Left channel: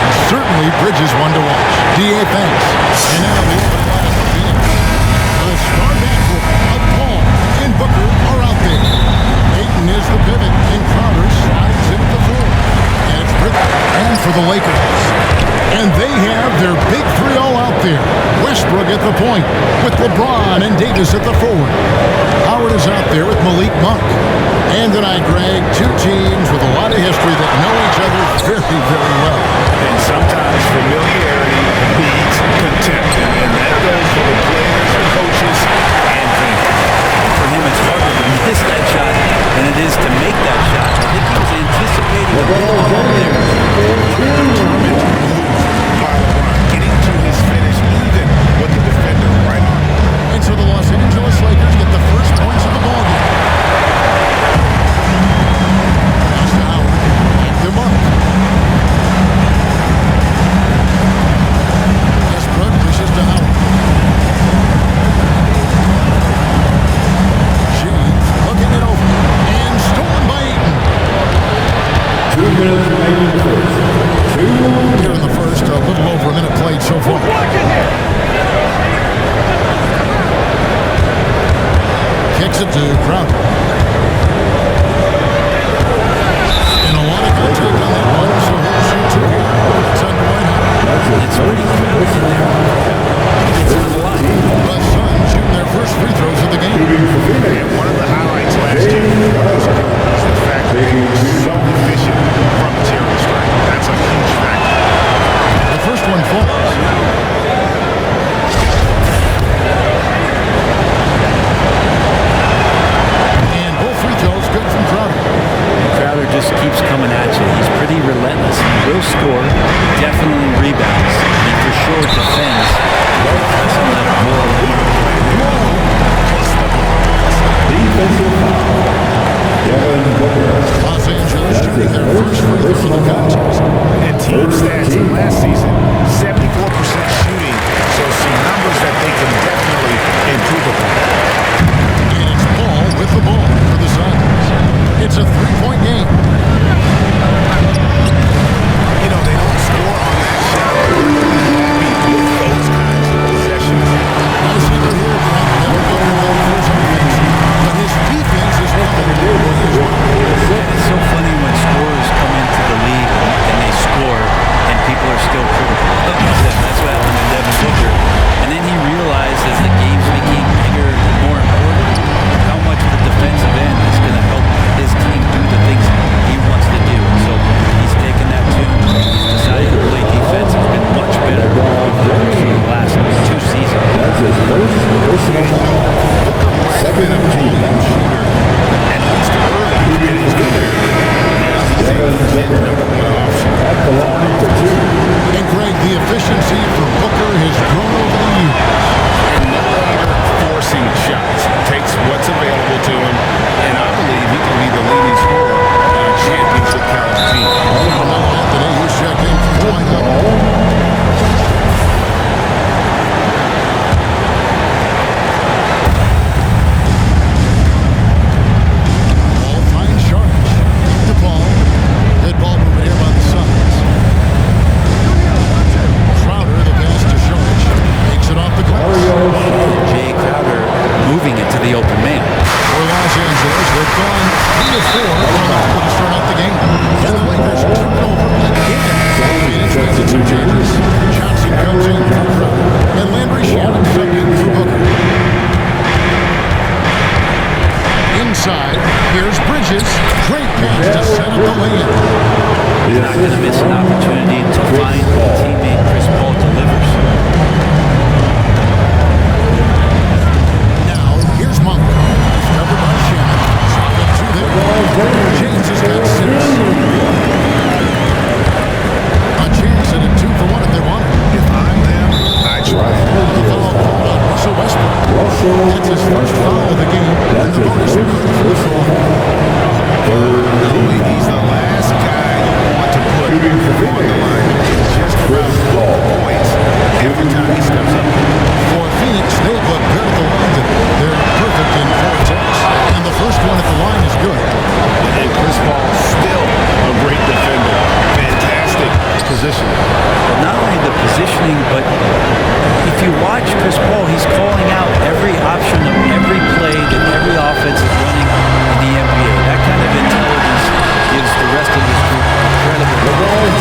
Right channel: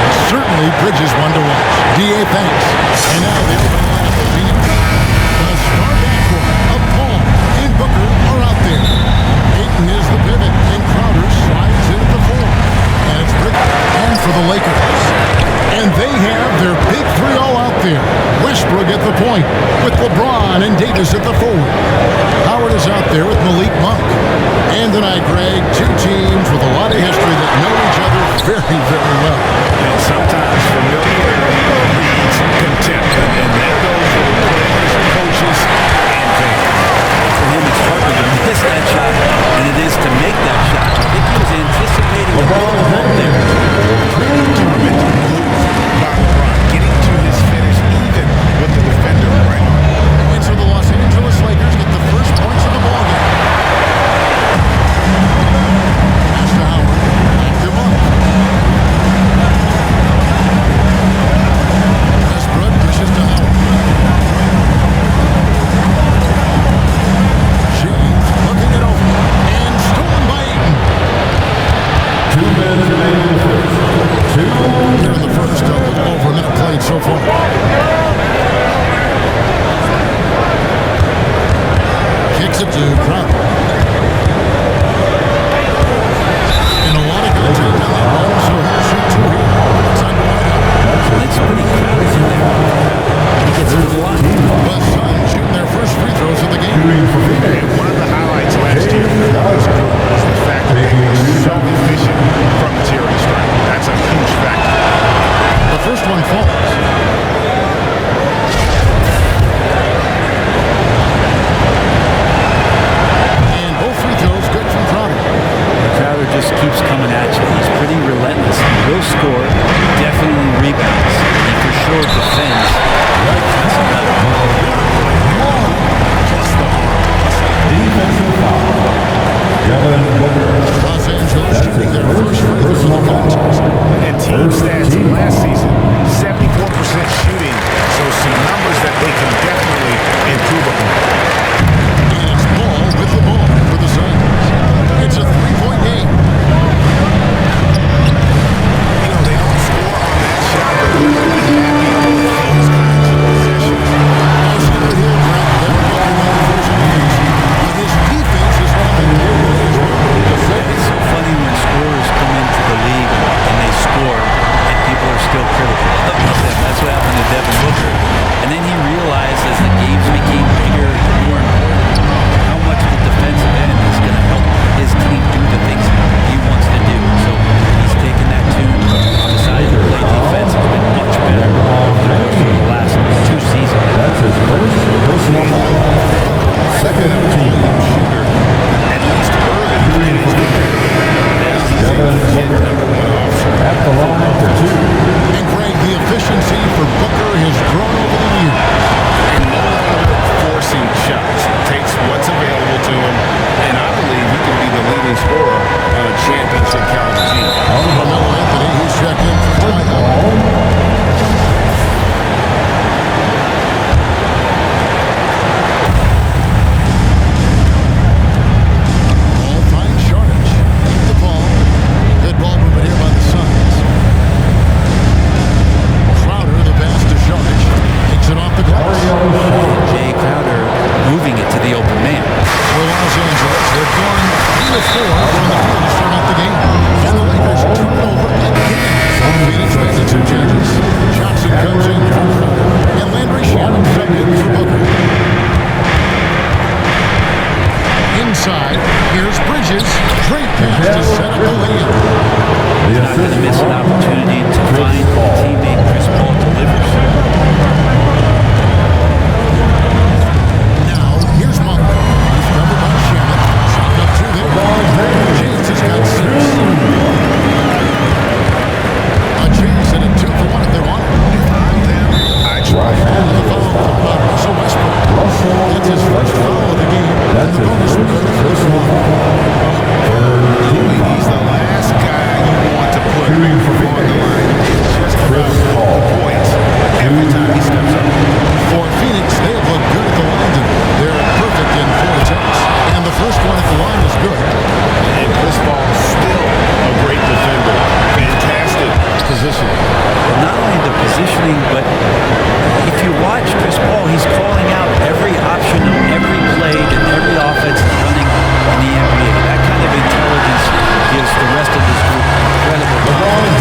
And certainly Bridges one to watch. D.A. thanks. And now the opening lineup for Phoenix. The star backcourt of Paul and Booker are out there. Ayton is the pivot, and Crowder slides in at the 4. And it's Bridges. And for the Lakers. And they have their big three all out there. Westbrook at the point with LeBron and Davis at the forward. Howard is out there with Malik Monk. And tonight, Greg, two teams with a lot of history that know each other very, very well. And sometimes familiarity breeds contempt. And that goes for the players, coaches, and fans. For him, it's harder to miss that shot than it is to make that shot. I think he was anticipating a bit of a bump there. What a determined move by LeBron, getting to his finish even with the defender right on it. And so the Los Angeles Lakers get the first points of the ballgame. Pass to Howard. Back to Monk. Westbrook dishes to Howard. James looking it over. And stolen by Ayton. 2 minutes remaining in the first. Here in the first, a little over a minute played so far. Kicks it to Crowder. And a lot of contact on that one, so he'll shoot 2 here. It's on Dwight Howard. It's pretty crowded in there for Crowder. He gets into the line. The Suns shooting their first free throws of the game. And one of the highlights last year for this group was the fact that they were so efficient from the charity stripe. That's a huge factor. The first one falls. And both free throws good from Crowder. And Crowder just keeps coming at you. He's pretty relentless. He will score, definitely rebounds, and he for sure defends at an impressive level. What a play there, the hoop plus the harm. What's up? Defensive foul. Devin Booker. Los Angeles shooting their first free throw in the contest. And team stats last season, 74% shooting, so some numbers that they can definitely improve upon. And it's Paul with the ball for the Suns. It's a 3-point game. You know, they don't score on that shot, but they're going to be happy with those kinds of possessions. No secret here, Brent. Devin Booker known for his offense, but his defense has come a long way as well. Yeah, it's so funny when scorers come into the league and they score and people are still critical of them. That's what happened to Devin Booker. And then he realized as the games became bigger and more important how much the defensive end is going to help his team do the things he wants to do. And so he's taken that tune. He's decided to play defense. He's been much better over the course of the last 2 seasons. That's his first personal. And, you know, Booker might have been a volume shooter at least early in his career, but now he's a legit #1 option for an offense. And Greg, the efficiency for Booker has grown over the years. And no longer forcing shots. Takes what's available to him, and I believe he can be the leading scorer on a championship caliber team. Carmelo Anthony, he's checked in for Dwight Howard. Paul finds Saric. Back to Paul. Good ball movement here by the Suns. Crowder, the pass to Saric, makes it off the glass. And Jay Crowder moving it to the open man. For Los Angeles, they've gone 3 of 4 from the field to start out the game. And the Lakers turn it over again. Phoenix making some changes. Johnson comes in for Crowder, and Landry Shamet subbed in for Booker. Inside, here's Bridges. Great pass to set up the lay-in. He's not going to miss an opportunity to find a teammate. Chris Paul delivers. Now, here's Monk. He's covered by Shamet. Chalk up 2 there. James has got 6. A chance at a 2-for-1 if they want it. If I'm them, I try it. And the foul called on Russell Westbrook. That's his first foul of the game, and the bonus will go to the free throw line. Oh, no, he's the last guy you want to put on the line. You can just about book the points every time he steps up there. For Phoenix, they have looked good at the line tonight. They're perfect in 4 attempts. And the first one at the line is good. And Chris Paul, still a great defender. Fantastic positioning. Well, not only the positioning, but if you watch Chris Paul, he's calling out every option of every play that every offense is running in the NBA. That kind of intelligence gives the rest of his group incredible confidence.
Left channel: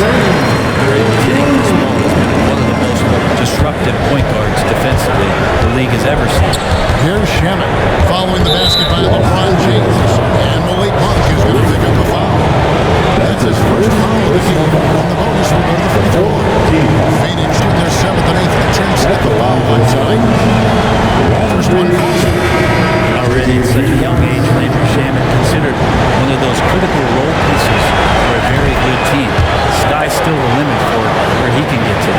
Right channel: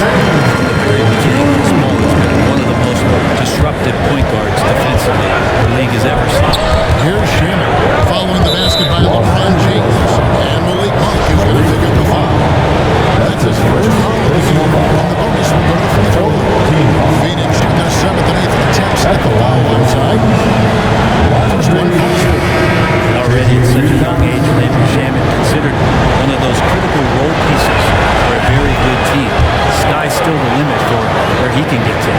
From the very beginning, Chris Paul has been one of the most disruptive point guards defensively the league has ever seen. Here's Shamet following the basket by LeBron James. And Malik Monk is going to pick up the foul. That's his first foul of the game, and the bonus will go to the free throw line. Phoenix shooting their 7th and 8th attempts at the foul line tonight. First one falls for. And already at such a young age, Landry Shamet considered one of those critical role pieces for a very good team. Sky's still the limit for where he can get to.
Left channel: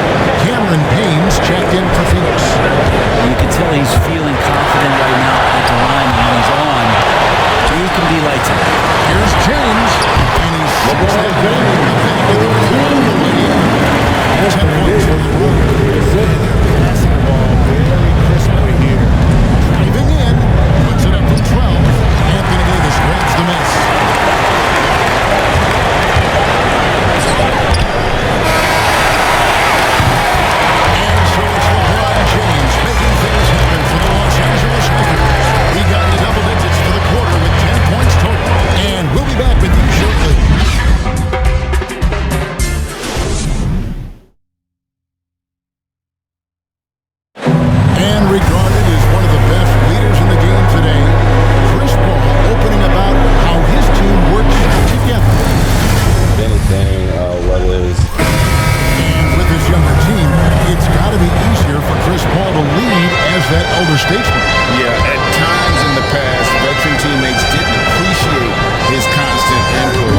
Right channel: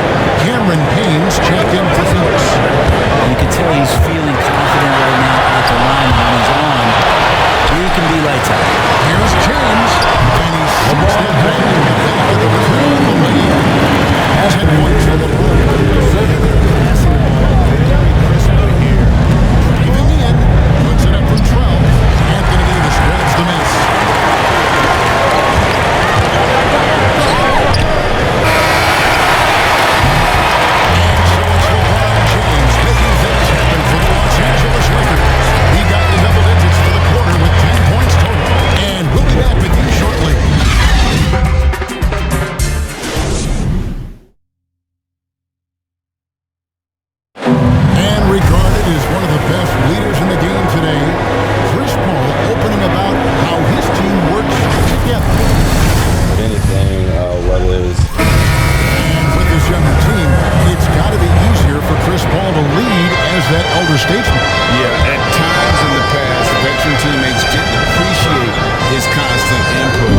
Cameron Payne's checked in for Phoenix. And you can tell he's feeling confident right now at the line, and when he's on, he can be lights out. Here's James, and he sinks that one in the back of the rim on the way in. 10 points for LeBron. And they're passing the ball very crisply here. Driving in, puts it up from 12. Anthony Davis grabs the miss. And so it's LeBron James making things happen for the Los Angeles Lakers. He got into double digits for the quarter with 10 points total. And we'll be back with you shortly. And regarded as one of the best leaders in the game today, Chris Paul opening about how his team works together. With anything, whether it's... And with this younger team, it's got to be easier for Chris Paul to lead as that elder statesman. Yeah, at times in the past, veteran teammates didn't appreciate his constant input.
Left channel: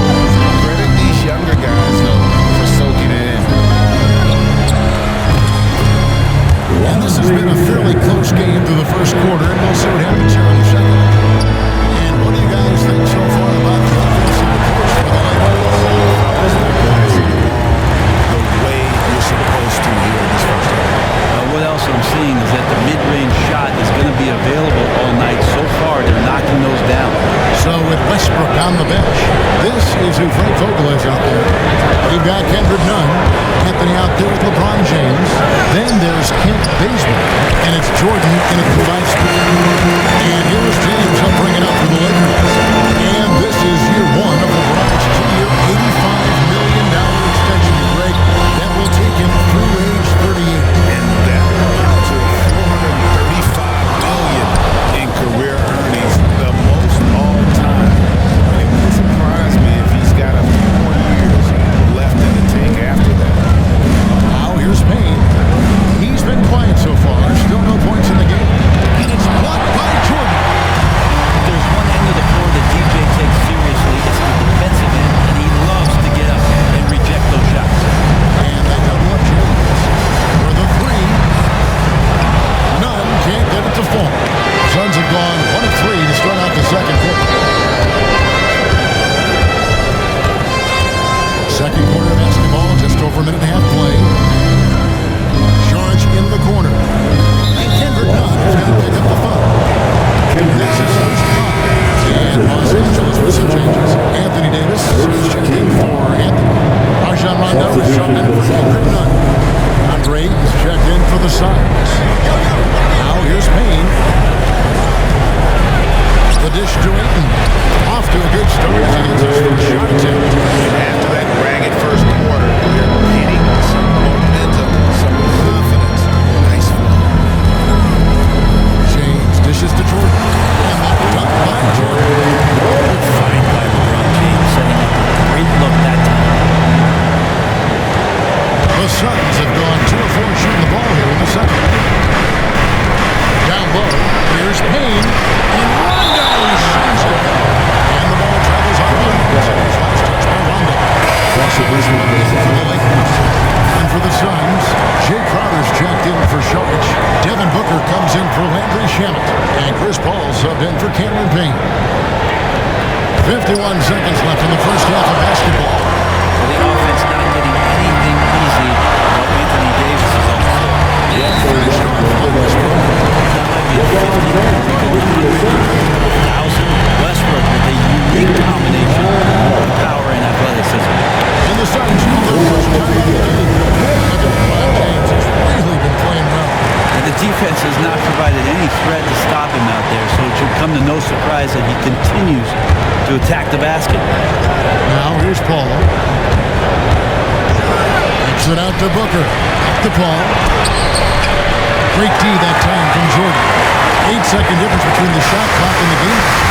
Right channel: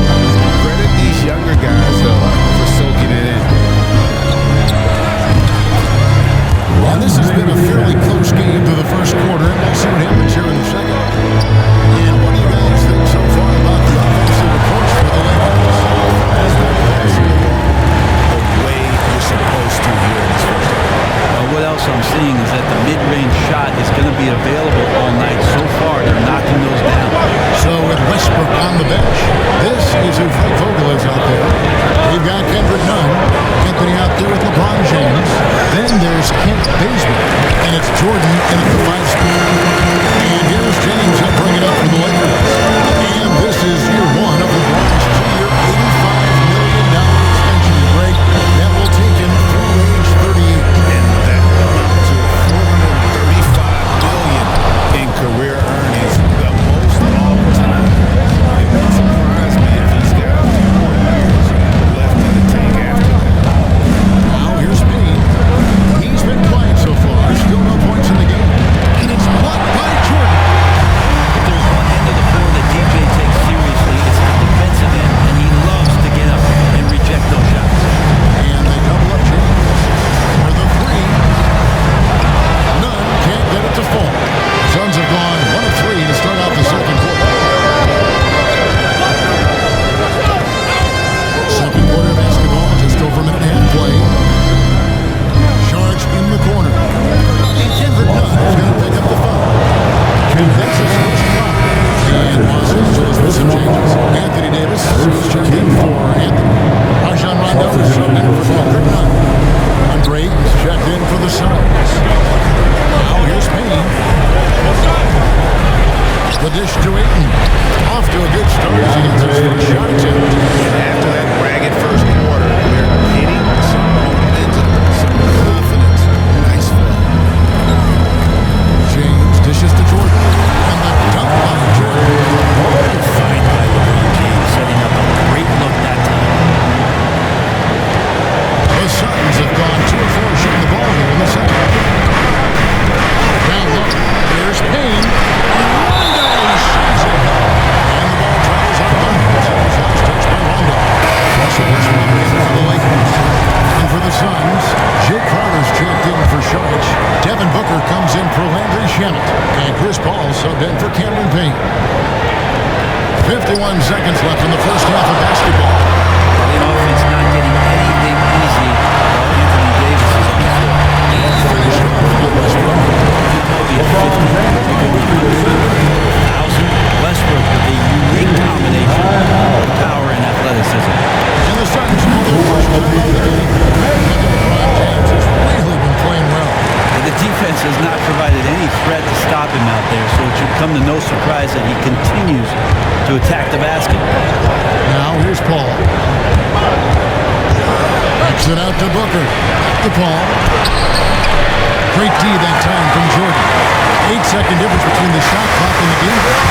Credit these younger guys, though, for soaking it in. And this has been a fairly close game through the first quarter, and we'll see what happens here in the second. And what do you guys think so far about the offensive approach for the Lakers? Fellas, they're passing the ball the way you're supposed to here in this first half. Well, what else I'm seeing is that the mid-range shot is going to be available all night. So far, they're knocking those down. So with Westbrook on the bench, this is who Frank Vogel is out there. We've got Kendrick Nunn, Anthony out there with LeBron James. Then there's Kent Bazemore, and it's Jordan in at the 5 spot. And here's James. He'll bring it up for the Lakers. And this is year one of LeBron's 2-year, $85 million extension. And Greg, that will take him through age 38. And that will amount to $435 million in career earnings, the most all time. And it wouldn't surprise me if he's got a few more years left in the tank after that. Now here's Payne. He's been quiet so far. Still no points in the game. And it's blocked by Jordan. If there's one end of the floor that DJ takes seriously, it's the defensive end, and he loves to get up and reject those shots. And they double up James. For the 3. Nunn can't get it to fall. The Suns have gone 1 of 3 to start out the second quarter. Second quarter of basketball, just over a minute and a half played. Saric in the corner. And Kendrick Nunn is going to pick up the foul. That's his first foul. And Los Angeles with some changes. Anthony Davis, he's checked in for Anthony. Rajon Rondo is subbed in for Kendrick Nunn. Andre Ayton's checked in for the Suns. Now here's Payne. The dish to Ayton. Off to a good start as he hits his first shot attempt. And after that ragged first quarter, they're getting some momentum, some confidence. Nice flow. James dishes to Jordan. And the dunk by Jordan. Fine by LeBron James, setting up a great look that time. The Suns have gone 2 of 4 shooting the ball here in the second. Down low, here's Payne. And Rondo sends it back. And the ball travels out of bounds. It was last touched by Rondo. Russell Westbrook in for the Lakers. And for the Suns, Jay Crowder's checked in for Saric. Devin Booker comes in for Landry Shamet. And Chris Paul subbed in for Cameron Payne. 51 seconds left in the first half of basketball. Well, the offense not getting anything easy while Anthony Davis is on the floor. And finished off by Westbrook. That might be a 50. Are we going 100 or 1,000? Westbrook with a unique combination of power and athleticism. And the Suns call their first time out of the game. Look at LeBron James. He's really been playing well. Yeah, the defense has not provided any threat to stop him out there, so it should come to no surprise that he continues to attack the basket. Now here's Paul. Kicks it out to Booker. Back to Paul. Great D that time from Jordan. 8-second difference between the shot clock and the game clock.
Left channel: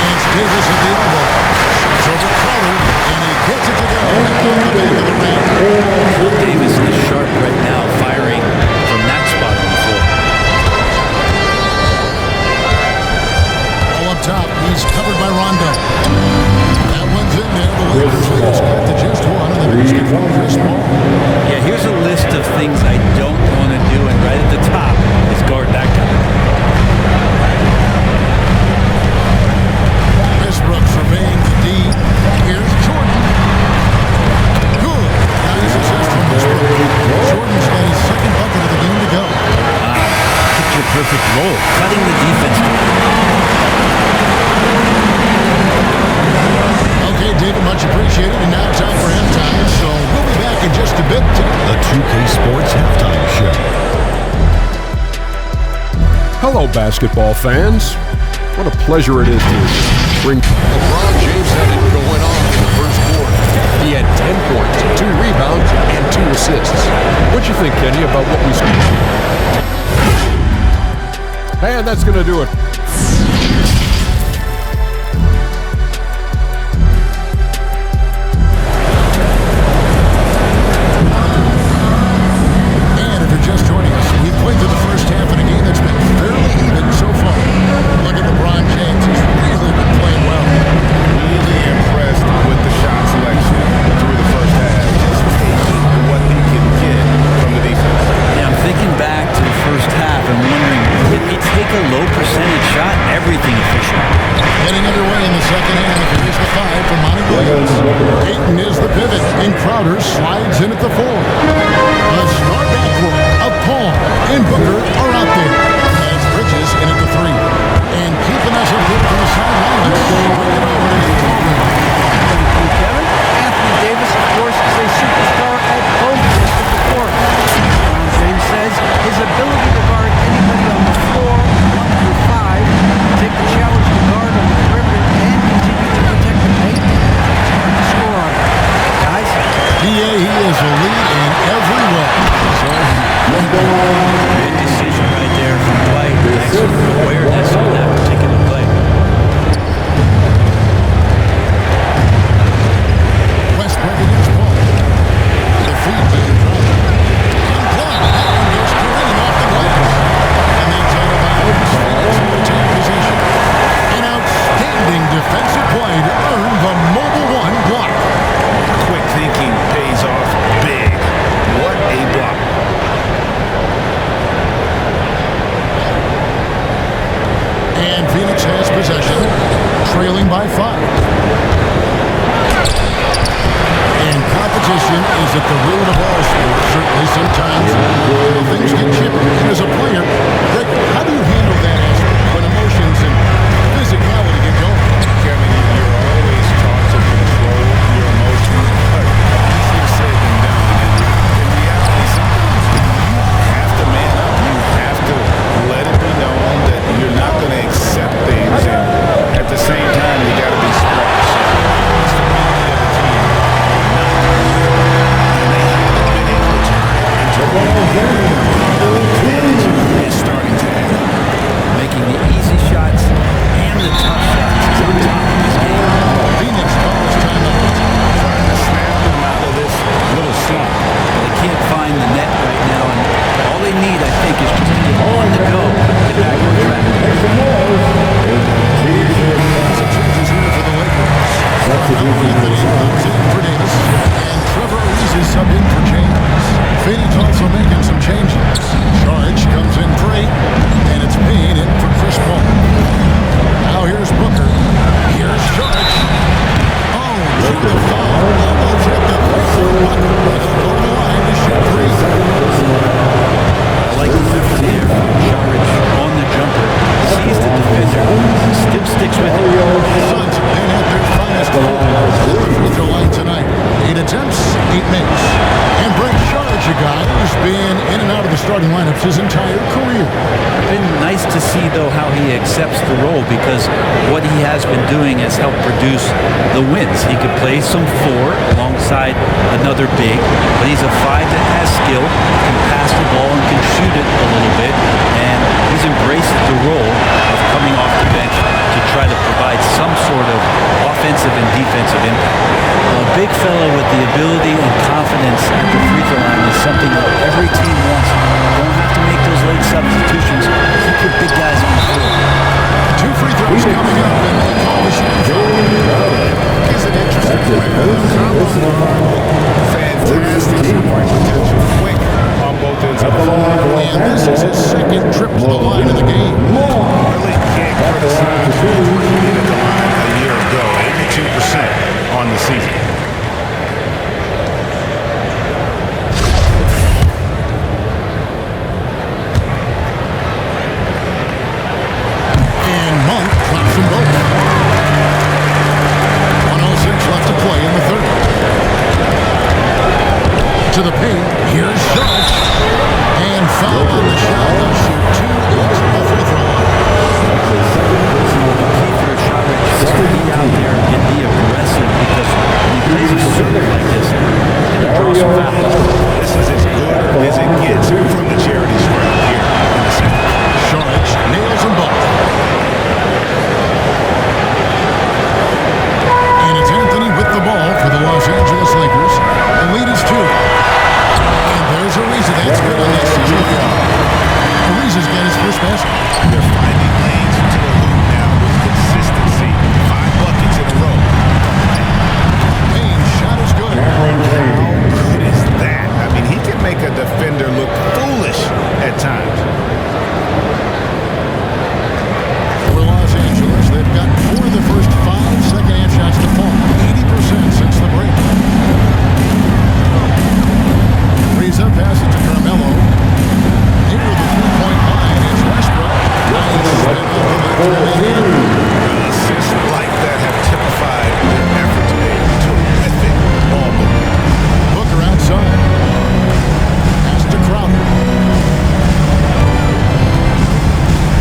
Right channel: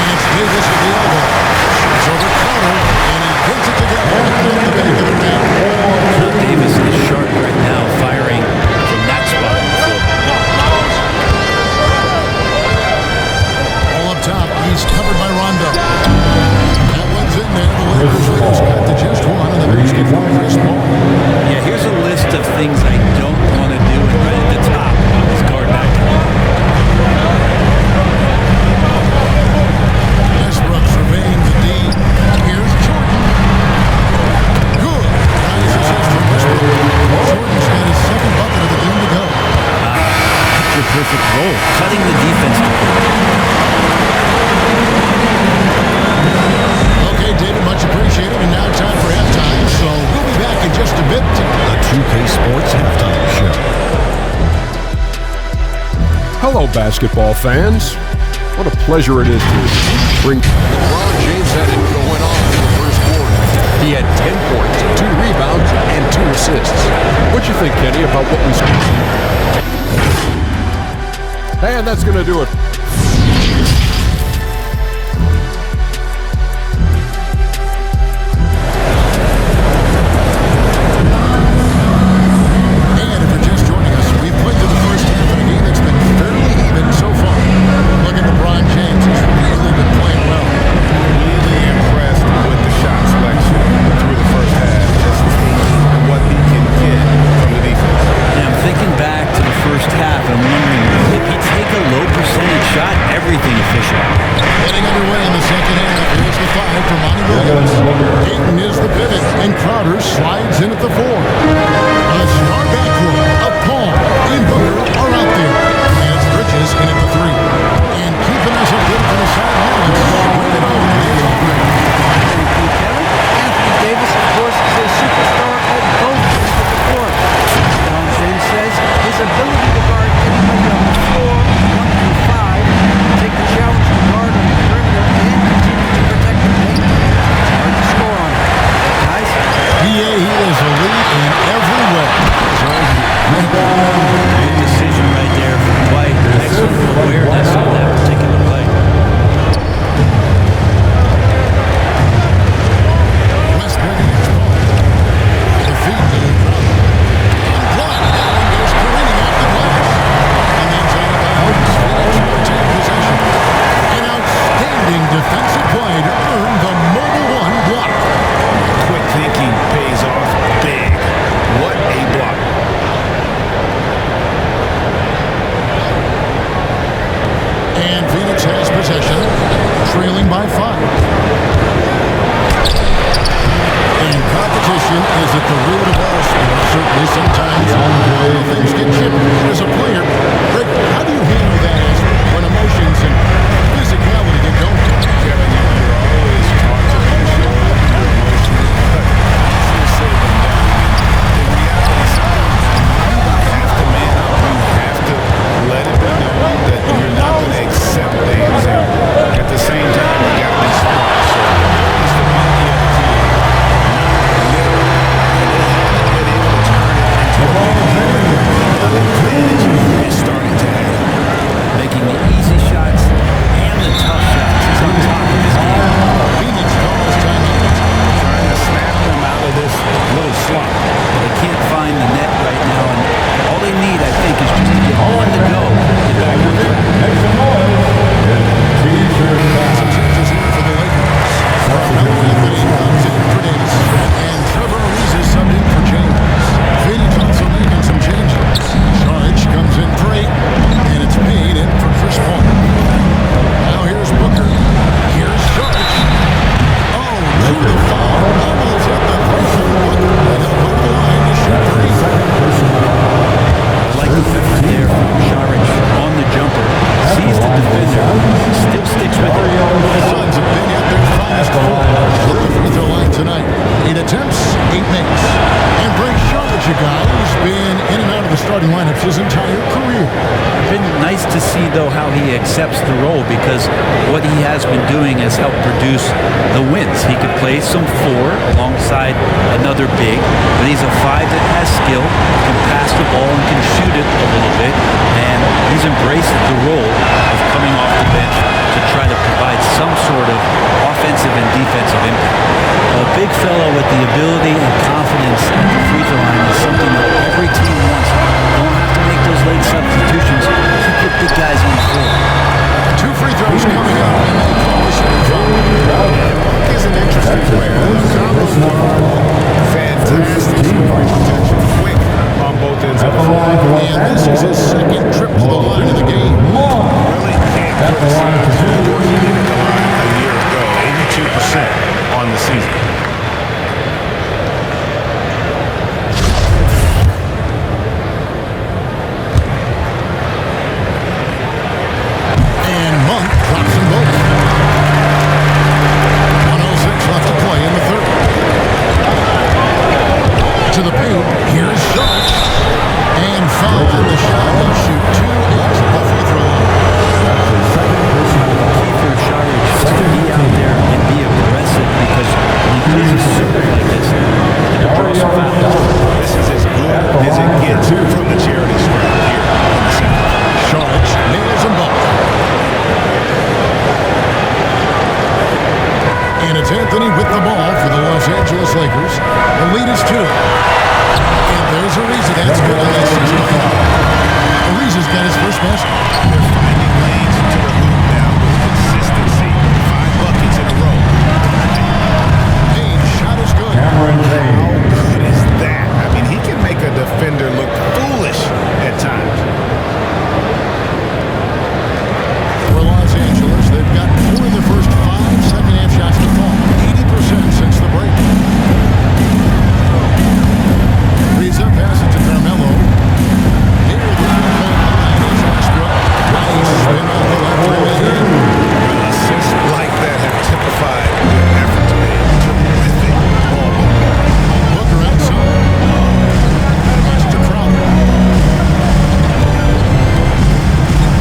And it's Davis at the elbow. Shoots over Crowder, and he gets it to go, hitting off the back of the rim. Well, Davis is sharp right now, firing from that spot on the floor. All up top, he's covered by Rondo. That one's in there. The Lakers lead is cut to just one on the basket from Chris Paul. Yeah, here's a list of things I don't want to do, and right at the top is guard that guy. Westbrook surveying the D. Here's Jordan. Good. Nice assist from Westbrook. Jordan's got his second bucket of the game to go. Picture perfect roll, cutting the defense to. Okay, David, much appreciated. And now time for halftime. So we'll be back in just a bit. The 2K Sports Halftime Show. Hello, basketball fans. What a pleasure it is to bring. LeBron James had it going on in the first quarter. He had 10 points, 2 rebounds, and 2 assists. What'd you think, Kenny, about what we... And that's going to do it. And if you're just joining us, we've played through the first half in a game that's been fairly even so far. Look at LeBron James. He's really been playing well. Really impressed with the shot selection through the first half. Just taking what he can get from the defense. Yeah, I'm thinking back to the first half, and I'm wondering, did he take a low percentage shot? Everything efficient. Getting underway in the second half. Here's the 5 for Monty Williams. Ayton is the pivot, and Crowder slides in at the 4. The star backcourt of Paul and Booker are out there. And it's Bridges in at the 3. And keeping us updated from the sideline, let's swing it over to David Aldridge. Thank you, Kevin. Anthony Davis, of course, is a superstar at both ends of the court. LeBron James says his ability to guard anybody on the floor, 1 through 5, take the challenge to guard on the perimeter and continue to protect the paint, it's hard to score on him. Guys? He is a lead in every way. As are you. Thank you. Good decision right there from Dwight. Excellent awareness on that particular play. Westbrook against Paul. The feed to Crowder. And blocked. That one goes careening off the glass. And that's out of bounds. Phoenix will retain possession. An outstanding defensive play to earn the Mobile One block. Yeah, quick thinking pays off big. What a block. And Phoenix has possession, trailing by 5. And competition is at the root of all sports. Certainly, sometimes things get chippy. And as a player, Greg, how do you handle that aspect when emotions and physicality get going? Kevin, you're always taught to control your emotions, but easier said than done. And in reality, sometimes you have to man up. You have to let it be known that you're not going to accept things, and at the same time, you got to be smart. So the goal is to beat the other team, not literally. And they haven't been able to turn it into a big lead, but their rebounding advantage is starting to add up. Making the easy shots and the tough shots. He's on top of his game. Phoenix calls timeout. Trying to snap them out of this little slump. Well, they can't find the net right now, and all they need, I think, is just to get one to go, get back on track. Some changes here for the Lakers. Carmelo Anthony comes in for Davis, and Trevor Ariza is subbed in for James. Phoenix also making some changes. Saric comes in for Ayton, and it's Payne in for Chris Paul. Now here's Booker. Here's Saric. Oh, drew the foul. Almost hit the three-point bucket. But he'll go to the line to shoot three. I like the effort there from Saric on the jumper. Sees the defender, but still sticks with it. Suns have been at their finest four at the free throw line tonight. 8 attempts, 8 makes. And Brent Saric, a guy who's been in and out of the starting lineups his entire career. It's been nice to see, though, how he accepts the role, because what he has been doing has helped produce the wins. He could play some 4 alongside another big, but he's a 5 that has skill, can pass the ball and can shoot it a little bit, and he's embraced the role of coming off the bench to try to provide some sort of offensive and defensive impact. A big fellow with the ability and confidence at the free throw line is something that every team wants. Don't have to make those late substitutions. Keep your big guys on the floor. 2 free throws coming up, and they call the shooting foul. And Monk is an interesting player. A combo guard with fantastic scoring potential, quick on both ends of the floor. And this is his second trip to the line in the game. Really can't criticize the work he did at the line a year ago. 82% on the season. And Monk drops them both. 1:06 left to play in the third. To the paint, here's Saric. And foul on the shot. He'll shoot 2 at the free throw line. The key for Saric is to be out there and be aggressive, because when he plays assertive like this, he's going to draw some fouls. This is as good as it gets from the charity stripe here in the second. Saric nails them both. And it's Anthony with the ball for the Los Angeles Lakers. The lead is 2. And there's Ariza. That's good on the assist by Howard. Ariza's got his first basket. They're finding lanes to the hoop now with consistency. 5 buckets in a row from the paint. Payne's shot is good. How good is that? I mean, he can make a defender look foolish at times. For Los Angeles, they've gotten 4 of their first 5 second-half shots to fall. 80% since the break. Ariza passes to Carmelo. Near the three-point line, it's Westbrook. Nice spin off the left rim and in. Assists like that have typified their effort today. Terrific ball movement. Booker outside. Pass to Crowder.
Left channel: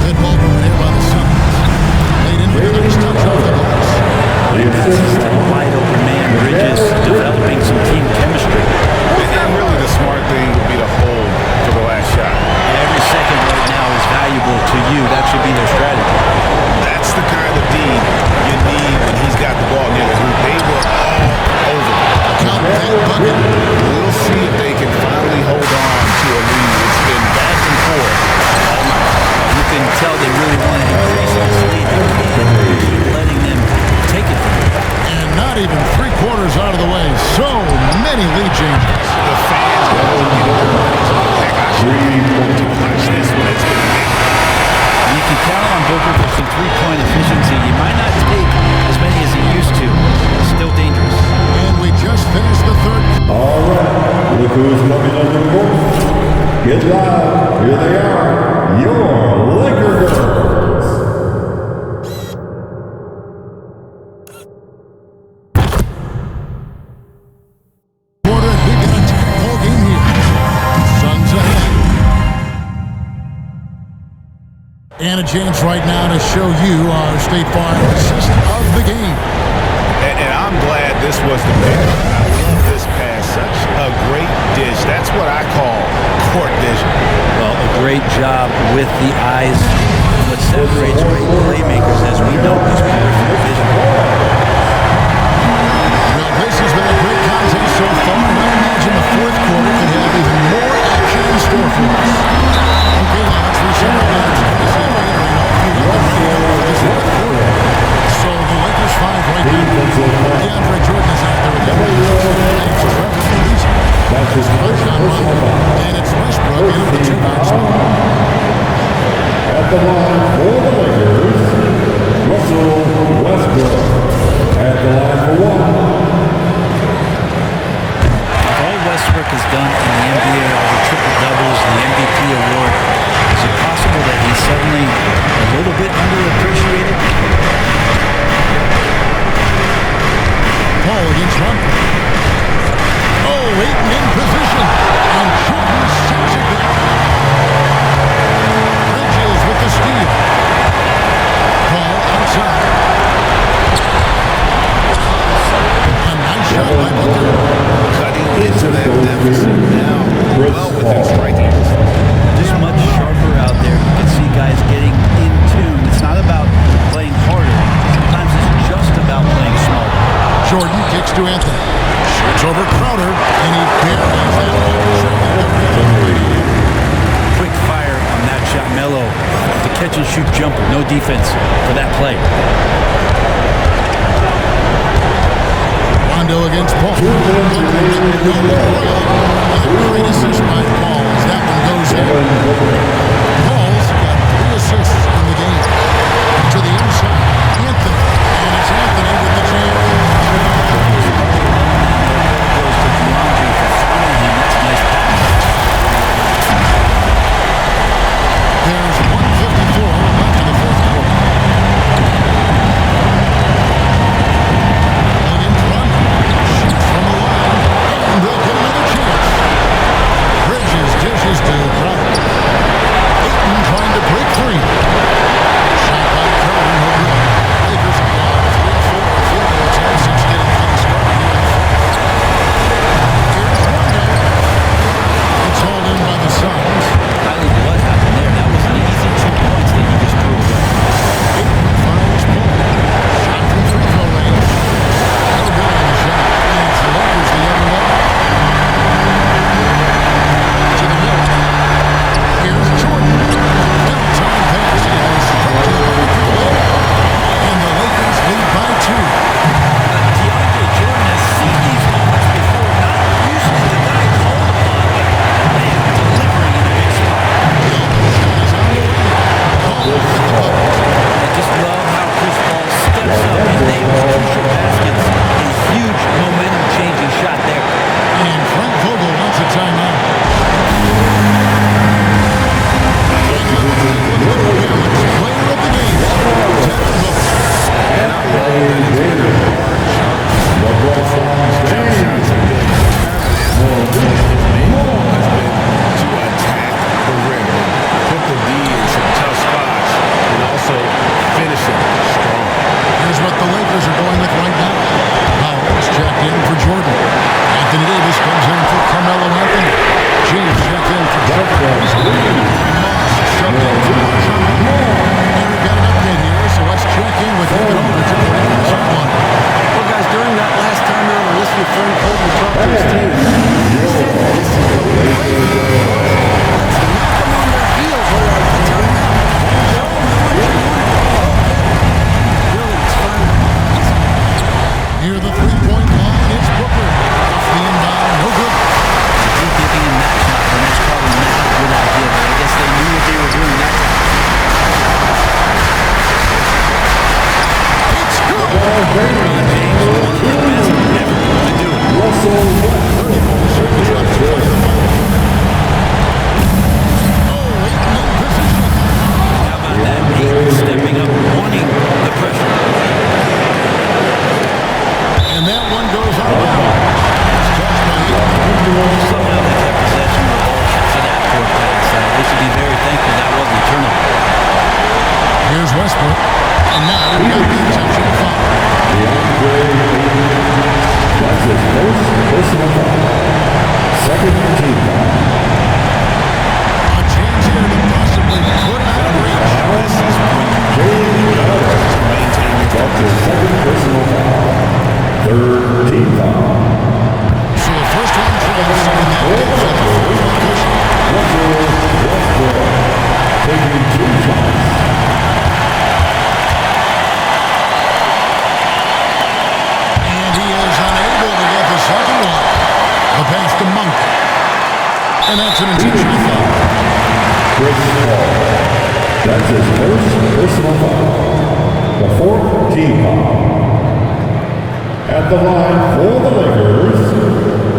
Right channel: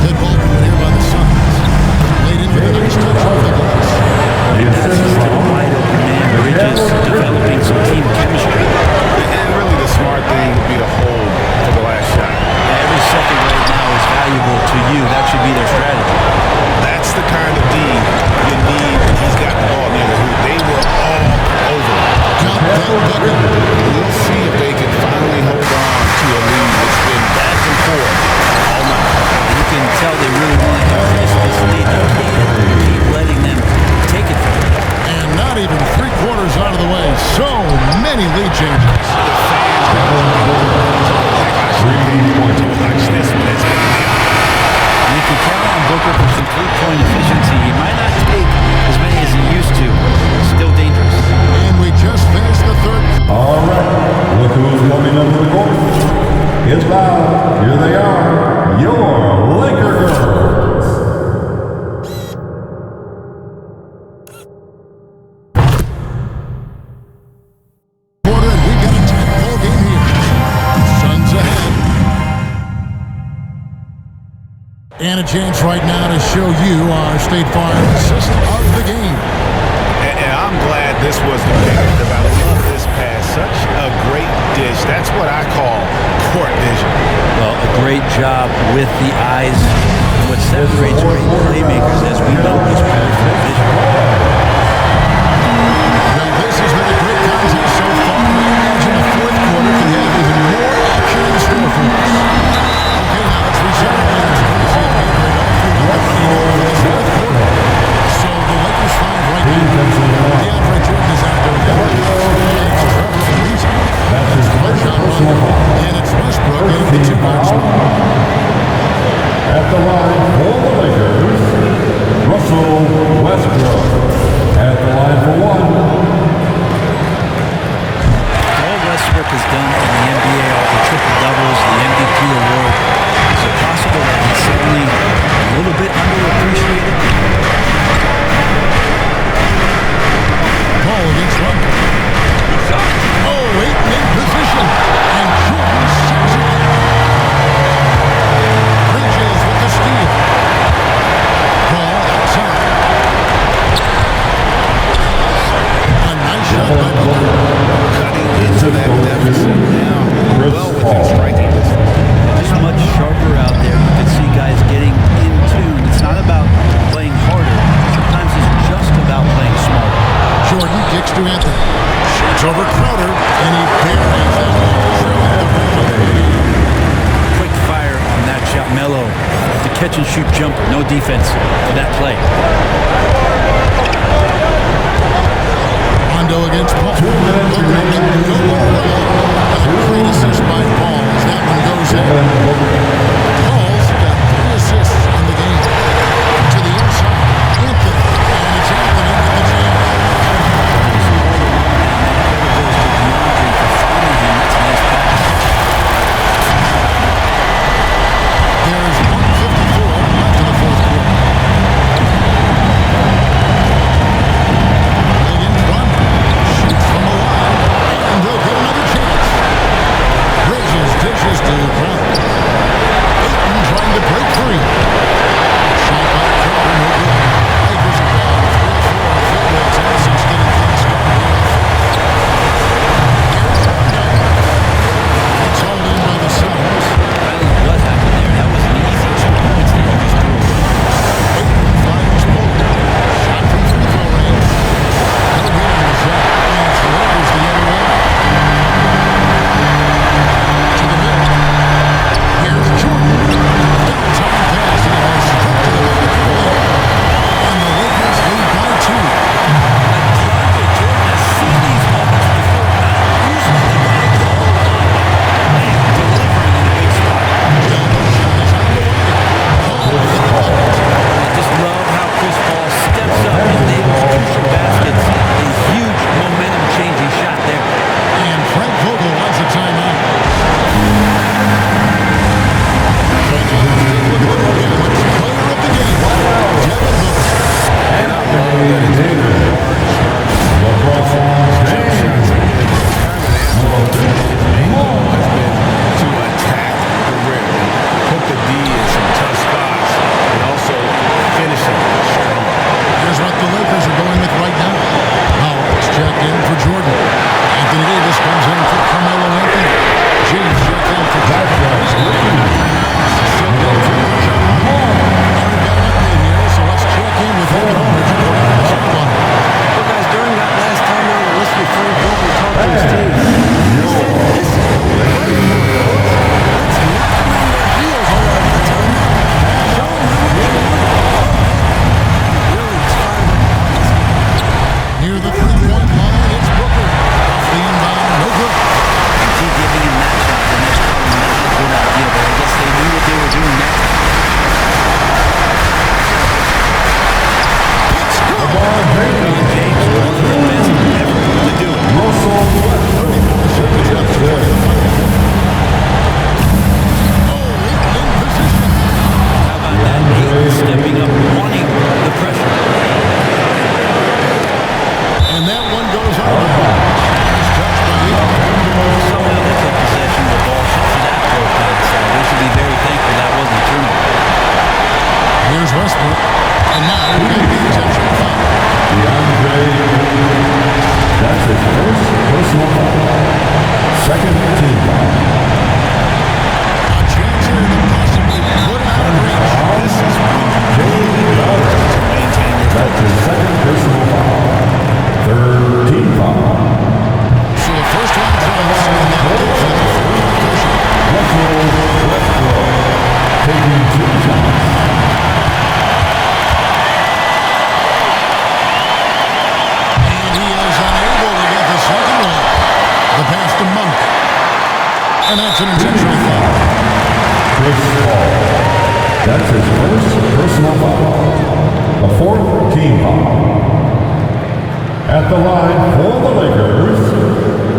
Good ball movement here by the Suns. Laid in with a nice touch off the glass. Well, he passes to the wide-open man. Bridges developing some team chemistry. And really the smart thing would be to hold for the last shot. Every second right now is valuable to you. That should be their strategy. That's the kind of D you need when he's got the ball near the hoop. They were all over him. Count that bucket. We'll see if they can finally hold on to a lead. It's been back and forth all night. Well, you can tell they really want to increase this lead. They can't keep letting them take it from them. And not even 3/4 out of the way. So many lead changes. The fans, guys, are getting their money's worth. Heck, I should have paid to watch this one. It's been a nail biter. You can count on Booker for some three-point efficiency. He might not take as many as he used to, but still dangerous. And we just finished the third. All right, look who's coming under the court. Get loud. Here they are, your Laker girls. Quarter, and we've got a tight ball game here. Suns ahead. And a chance right now to show you our State Farm assist of the game. And I'm glad this was the pick because I love this pass. Such a great dish. That's what I call court vision. Well, a great job with the eyes. And what separates great playmakers, as we know, is peripheral vision. Well, this has been a great contest so far, and I imagine the fourth quarter could have even more action in store for us. Okay, now let's reset our lineups courtesy of Gatorade. All fueled up and ready to go for this fourth quarter. So the Lakers 5 right now. DeAndre Jordan is out there with Anthony. And it's Trevor Ariza. That's Rajon Rondo. And it's Westbrook in at the 2-guard spot. At the line for the Lakers, Russell Westbrook. At the line for one. With all Westbrook has done in the NBA, all the triple-doubles, the MVP award, is it possible that he's suddenly a little bit underappreciated? Paul against Rondo. Oh, Ayton in position. And Jordan sends it back. Bridges with the steal. Paul outside. A nice shot by Booker. Cutting into that deficit now, well within striking distance. They're just much sharper out there. You can see guys getting in tune. It's not about playing harder. Sometimes it's just about playing smarter. Jordan kicks to Anthony. Shoots over Crowder, and he buries that one, drilling the rim on the way down. Quick fire on that shot. Melo with the catch-and-shoot jumper. No defense for that play. Rondo against Paul. Booker with no one around, and a great assist by Paul as that one goes in. Paul's got 3 assists in the game. To the inside, Anthony. And it's Anthony with the jam. Just all alone down there. Credit goes to DeAndre for finding him. That's a nice pass. There's 1:54 left in the fourth quarter. Paul against Rondo. Shoots from the line, and they'll get another chance. Bridges dishes to Crowder. Ayton trying to break free. Shot by Crowder, no good. Lakers have gone 3 of 4 in field goal attempts since getting things started here in the fourth. Here's Rondo. It's hauled in by the Suns. I don't know what happened there. That was an easy 2 points that he just threw away. Ayton finds Paul. Shot from free throw range. No good on the shot. And it's the Lakers the other way. To the middle. Here's Jordan. Bell-time pass, and he goes straight to the bucket for the layup. And the Lakers lead by 2. DeAndre Jordan has seen these moments before. Not usually the guy called upon, but, man, delivering in a big spot. Elbow shot is on the way. Paul with the bucket. And I just love how Chris Paul steps up and nails crucial baskets. A huge momentum-changing shot there. And Frank Vogel wants a timeout. And now let's take a look at the New Balance player of the game, Devin Booker. And I love that it's been a hard-charging performance. Jump shots have been kind of an afterthought. His main goal has been to attack the rim and put the D in some tough spots and also finishing strong. Here's what the Lakers are going with right now. Howard's checked in for Jordan. Anthony Davis comes in for Carmelo Anthony. James checked in for Trevor Ariza. And Monks subbed in for Rajon Rondo. And we've got an update here, so let's check in with David Aldridge reporting from the sideline. Well, guys, during that last timeout, I listened to Frank Vogel talk to his team. He said, this is what we play for, fellas. Let's knock them on their heels right out of the timeout. Show them how much you want it. Go get it. He really is fired up about this game. Near the three-point line, it's Booker. Off the inbound, no good. Indeed, giving him that shot, and that's probably not a good idea, but I guess they knew what they were doing that time. It's good! LeBron James, one of the best ever to do it. 34 seconds left to play in the final quarter. Oh, Ayton in position. And how about that? Ayton stepping up, wanting the pressure. And that one goes out of bounds. Touched by Ayton. Somehow they kept possession of the ball after that poor pass. They should be very thankful that wasn't a turnover. Here's Westbrook. And now we've got the intentional foul. DeAndre Ayton. That's his first personal foul. Second team foul. A chance here to possibly put it out of reach. This is when you really need to maintain your focus. Second personal foul. Third team foul. So the first one drops, and that gives them a 4-point cushion. Russell Westbrook taking 2 shots. And he is unable to get the second one. The pass to Monk. And that's an intentional foul. Chris Paul. That's his first personal foul. The the fourth team foul. At the line for the Lakers,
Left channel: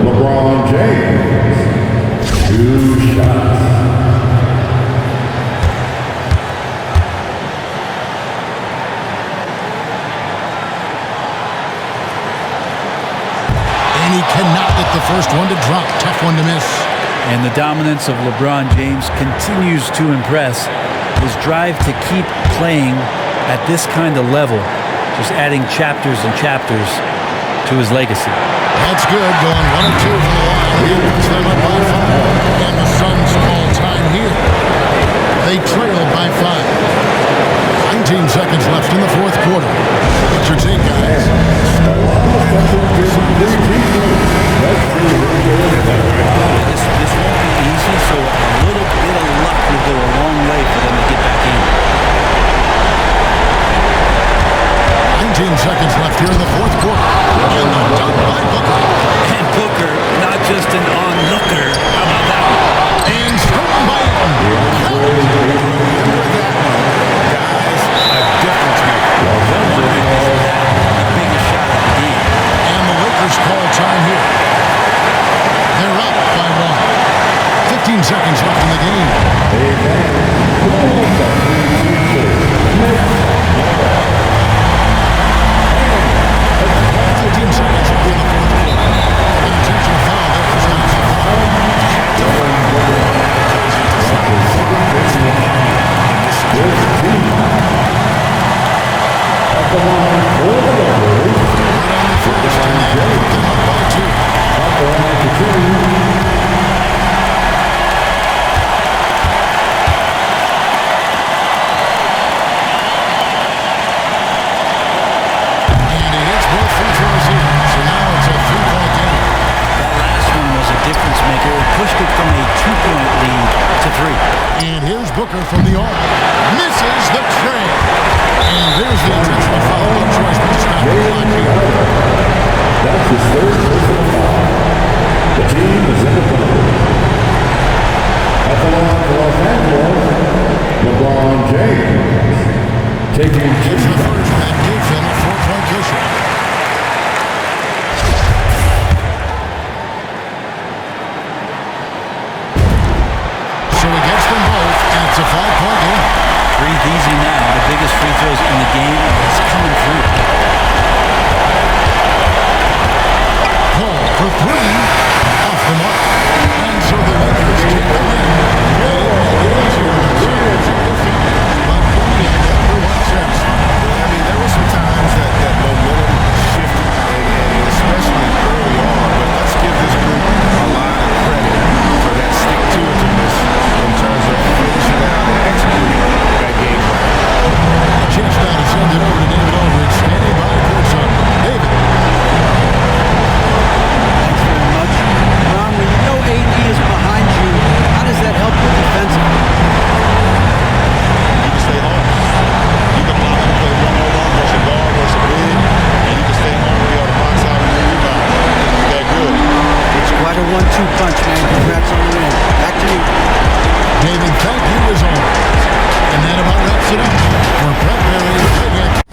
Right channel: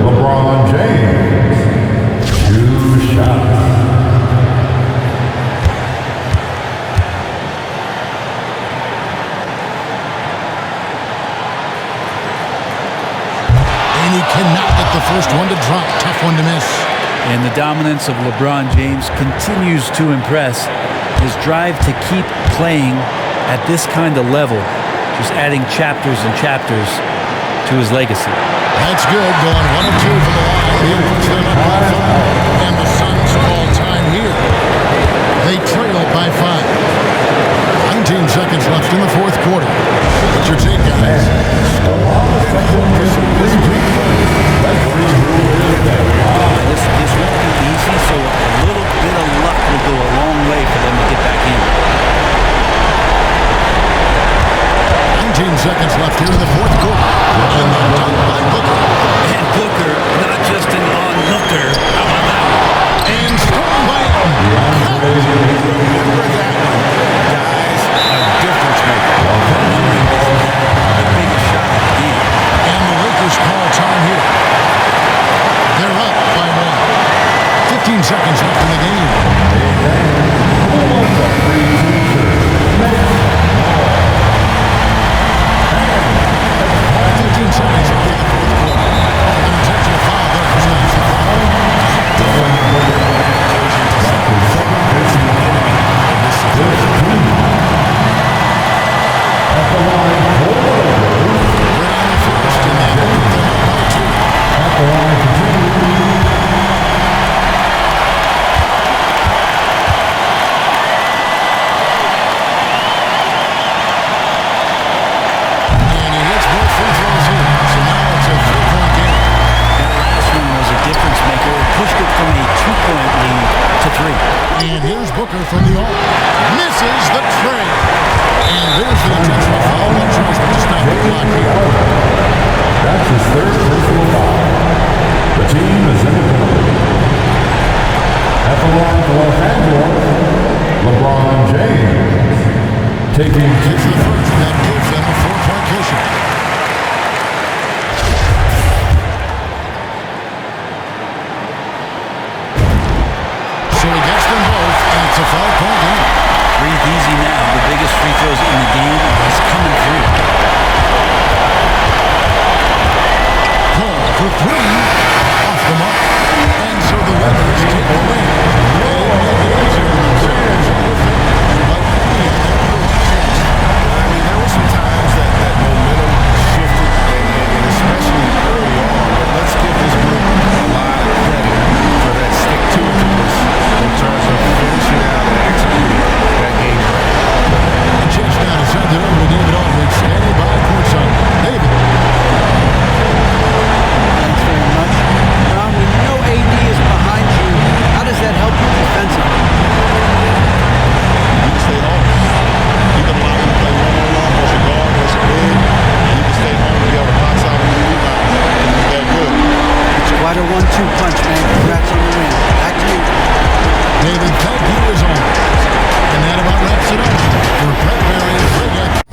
LeBron James. 2 shots. And he cannot get the first one to drop. Tough one to miss. And the dominance of LeBron James continues to impress. His drive to keep playing at this kind of level, just adding chapters and chapters to his legacy. That's good, going 1 of 2 from the line, and that puts them up by 5. And the Suns call time here. They trail by 5. 19 seconds left in the fourth quarter. What's your take, guys? Score, then hope for some missed free throws or a turnover at the other end. Yeah, this won't be easy, so a little bit of luck will go a long way for them to get back in. 19 seconds left here in the fourth quarter. And the dunk by Booker. And Booker, not just an onlooker. How about that one? And stolen by Ayton. Remember that one. Guys, a difference maker. I'm wondering, is that the biggest shot of the game? And the Lakers call time here. They're up by 1. 15 seconds left in the game. Hey fans, who wants a free t-shirt? Make some noise. 15 seconds left in the fourth quarter. And an intentional foul there stops the clock. Had to foul on that occasion to stop the clock. That's the enemy in this situation. At the line for the Lakers. Good on the first, and that will put them up by 2. At the line for 2. And he hits both free throws here. So now it's a 3-point game. That last one was a difference maker. It pushed it from a 2-point lead to 3. And here's Booker from the arc. Misses the tray. And there's the intentional foul. No choice but to stop the clock here. That's his 3rd personal foul. The team is in the penalty. At the line for Los Angeles, LeBron James. It's the first that gives them a 4-point cushion. So he gets them both, and it's a 5-point game. Breathe easy now. The biggest free throws in the game, and he's coming through. Paul for 3, off the mark. And so the Lakers take the win. They didn't make it easy on themselves or their fans, but in the end, everyone's satisfied. I mean, there were some times that momentum shifted, and especially early on, but let's give this group a lot of credit for that stick-to-itiveness in terms of finishing out and executing that game plan. And a chance now to send it over to David Aldridge, standing by courtside. David. Thanks very much. Ron, when you know AD is behind you, how does that help you defensively? You can stay home. You can allow him to play one-on-one versus a guard versus a big, and you can stay home and be able to box out and get rebounds because he's that good. It's quite a 1-2 punch, man. Congrats on the win. Back to you. David, thank you as always. And that about wraps it up. For Brett Berry, Greg Anthony.